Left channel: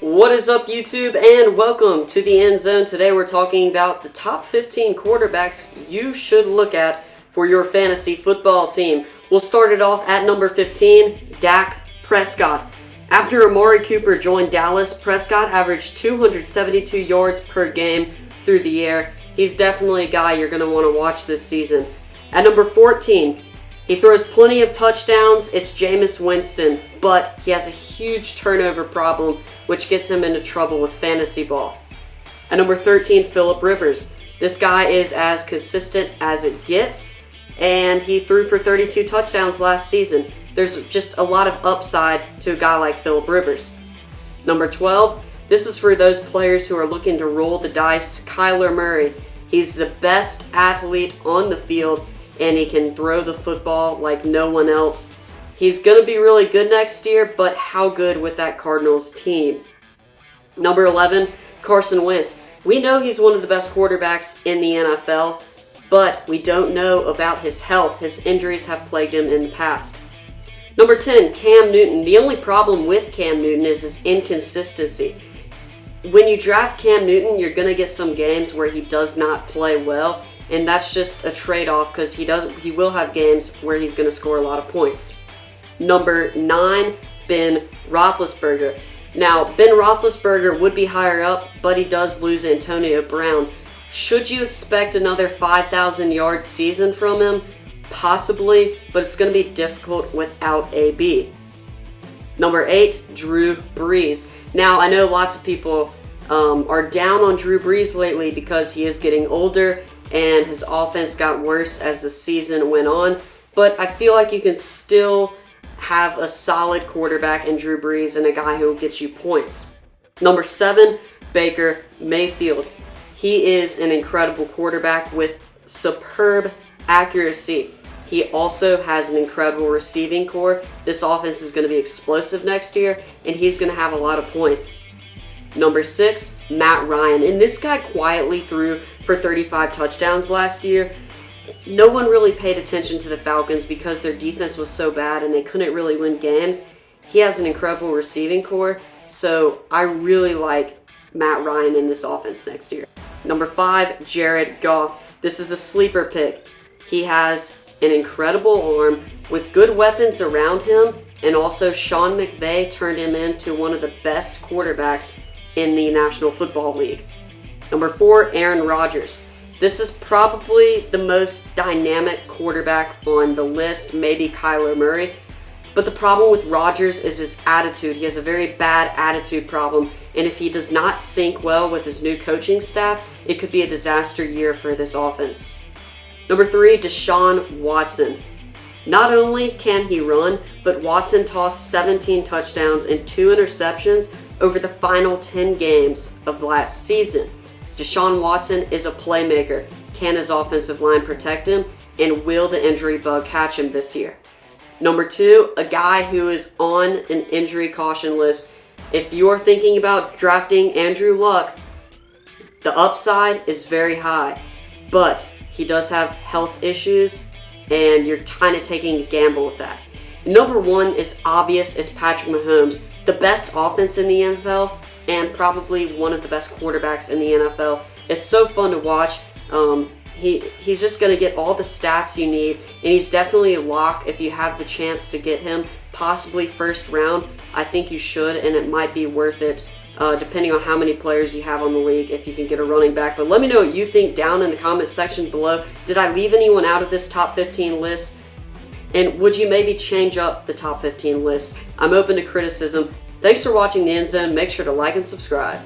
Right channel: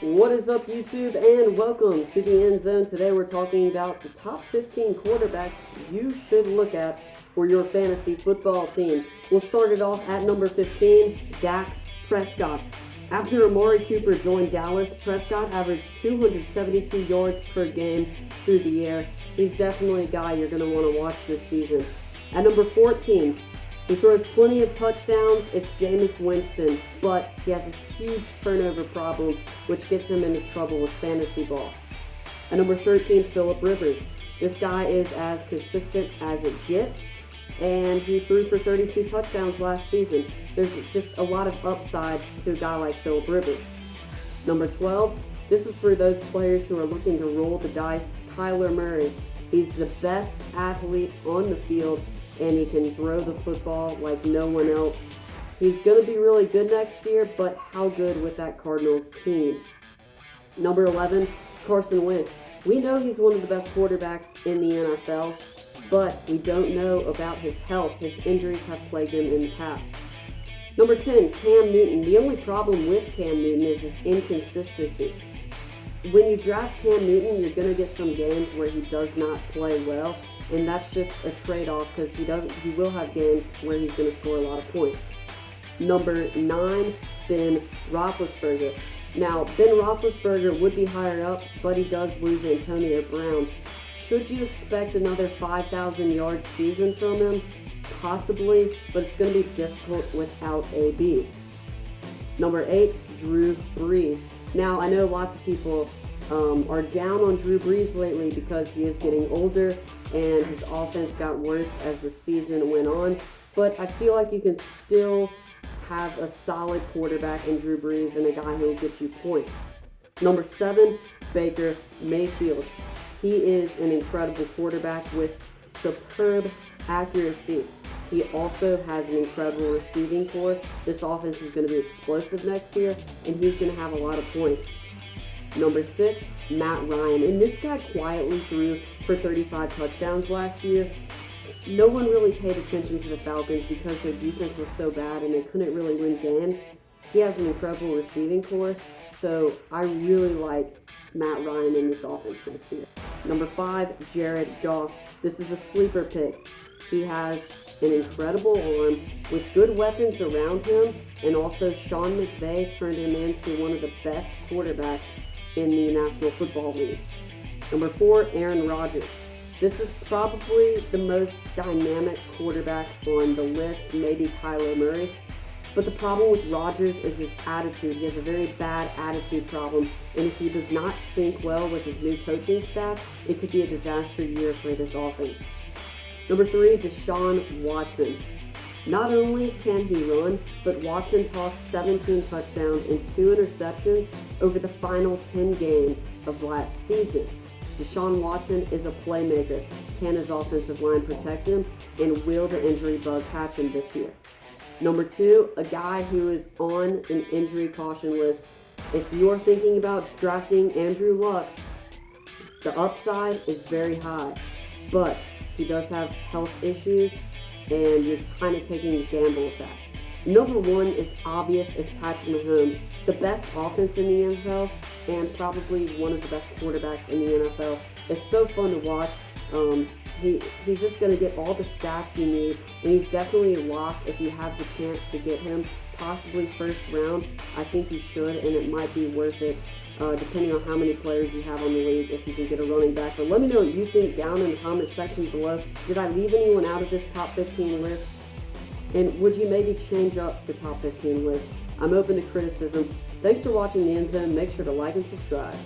What is up, YouTube, and welcome to the End Zone. Today we're talking about the top 15 quarterbacks you should look at for your fantasy football team. We'll start it off at number 15, Dak Prescott. After Amari Cooper joined Dallas, Prescott averaged 272 yards per game through the air. He's definitely a guy you're going to want to watch this season. At number 14, he throws plenty of touchdowns. It's Jameis Winston, but he has a huge turnover problem, which gets him into trouble with fantasy ball. At number 13, Phillip Rivers. This guy is as consistent as it gets, and he threw for 32 touchdowns last season. There's just a lot of upside to a guy like Phillip Rivers. Number 12, this is for those players who are looking to roll the dice. Kyler Murray. He's the best athlete on the field, and he can throw the football like no one else. He's going to be really good next year, but how good with that Cardinals team? Number 11, Carson Wentz. We know he's one of the best quarterbacks in the NFL, but we don't know about his health. His injuries have plagued him in the past. Number 10, Cam Newton. The only problem with Cam Newton is his inconsistency. When you draft Cam Newton, you're going to get some games where he does not play well, and that's just a trade-off because he will have games where he's going to score a lot of points. Number 9, Ben Roethlisberger. Now, Ben Roethlisberger would be higher up, but he does lose Antonio Brown. Should you expect another 5,000-yard season from him? Possibly, but it's going to be difficult without AB. Number 8, Drew Brees. Now, I know lots of people are down on Drew Brees lately because he is getting older and his offense got worse as the season went on, but I feel like you can still have a solid quarterback in Drew Brees and a guy who will get you points. Number 7, Baker Mayfield. He is an incredible quarterback with superb accuracy. He also has an incredible receiving core. This offense is going to be explosive next year, and he's going to have a lot of points. Number 6, Matt Ryan. And this guy quietly threw for 35 touchdowns last year. No one really paid attention to the Falcons because their defense was so bad and they couldn't really win games. He has an incredible receiving core, so I really like Matt Ryan in this offense next year. Number 5, Jared Goff. This is a sleeper pick. He has an incredible arm with good weapons around him, and also Sean McVay turned him into one of the best quarterbacks in the National Football League. Number 4, Aaron Rodgers. This is probably the most dynamic quarterback on the list, maybe Kyler Murray. But the problem with Rodgers is his attitude. He has a very bad attitude problem, and if he does not sync well with his new coaching staff, it could be a disaster year for this offense. Number 3, Deshaun Watson. Not only can he run, but Watson tossed 17 touchdowns and 2 interceptions over the final 10 games of last season. Deshaun Watson is a playmaker. Can his offensive line protect him? And will the injury bug catch him this year? Number 2, a guy who is on an injury caution list. If you're thinking about drafting Andrew Luck, the upside is very high, but he does have health issues, and you're kind of taking a gamble with that. Number 1 is obvious, is Patrick Mahomes. The best offense in the NFL, and probably one of the best quarterbacks in the NFL. It's so fun to watch. He's just going to get all the stats you need, and he's definitely a lock if you have the chance to get him, possibly first round. I think you should, and it might be worth it, depending on how many players you have on the league, if you can get a running back. But let me know what you think down in the comment section below. Did I leave anyone out of this top 15 list? And would you maybe change up the top 15 list? I'm open to criticism. Thanks for watching the End Zone. Make sure to like and subscribe.